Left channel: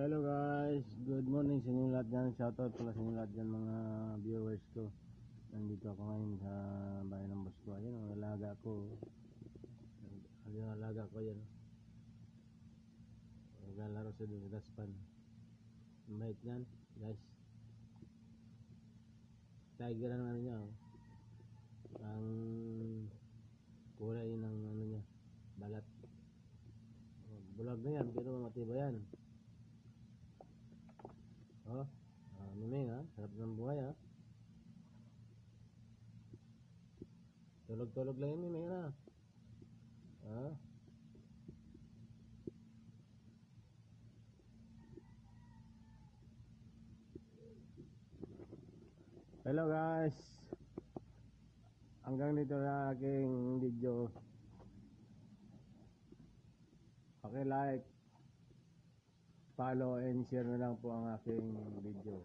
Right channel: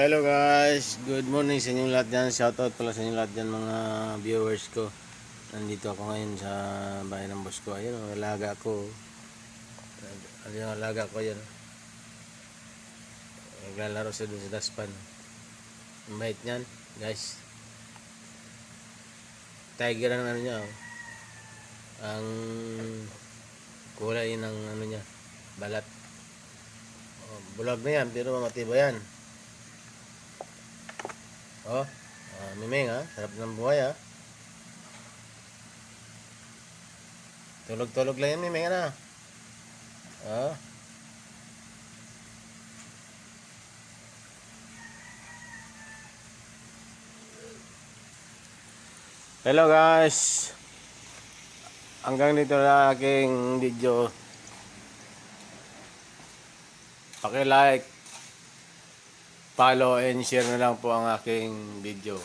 Hello guys, good morning sa inyong lahat dyan. Shoutout pala sa inyong lahat dyan mga viewers ko. Nandito ako ngayon sa bahay ng boss ko. Ayun, ang alaga ko. Ano yung alaga ko yan? Naglalaro siya dun sa daspan. Ang bait niyan, guys. Tiger ang ano niya, oh. Ang kulay ng ano niya, balat. Oh, bulag na yan, pero matibay yan. Oh, Mimeng ha, sarap ng buhay ha. Tulog-tulog lang yan, Mimeng na. Oh. Hello guys. Hanggang dito na aking video. Paki-like, follow and share na lang po ang aking video.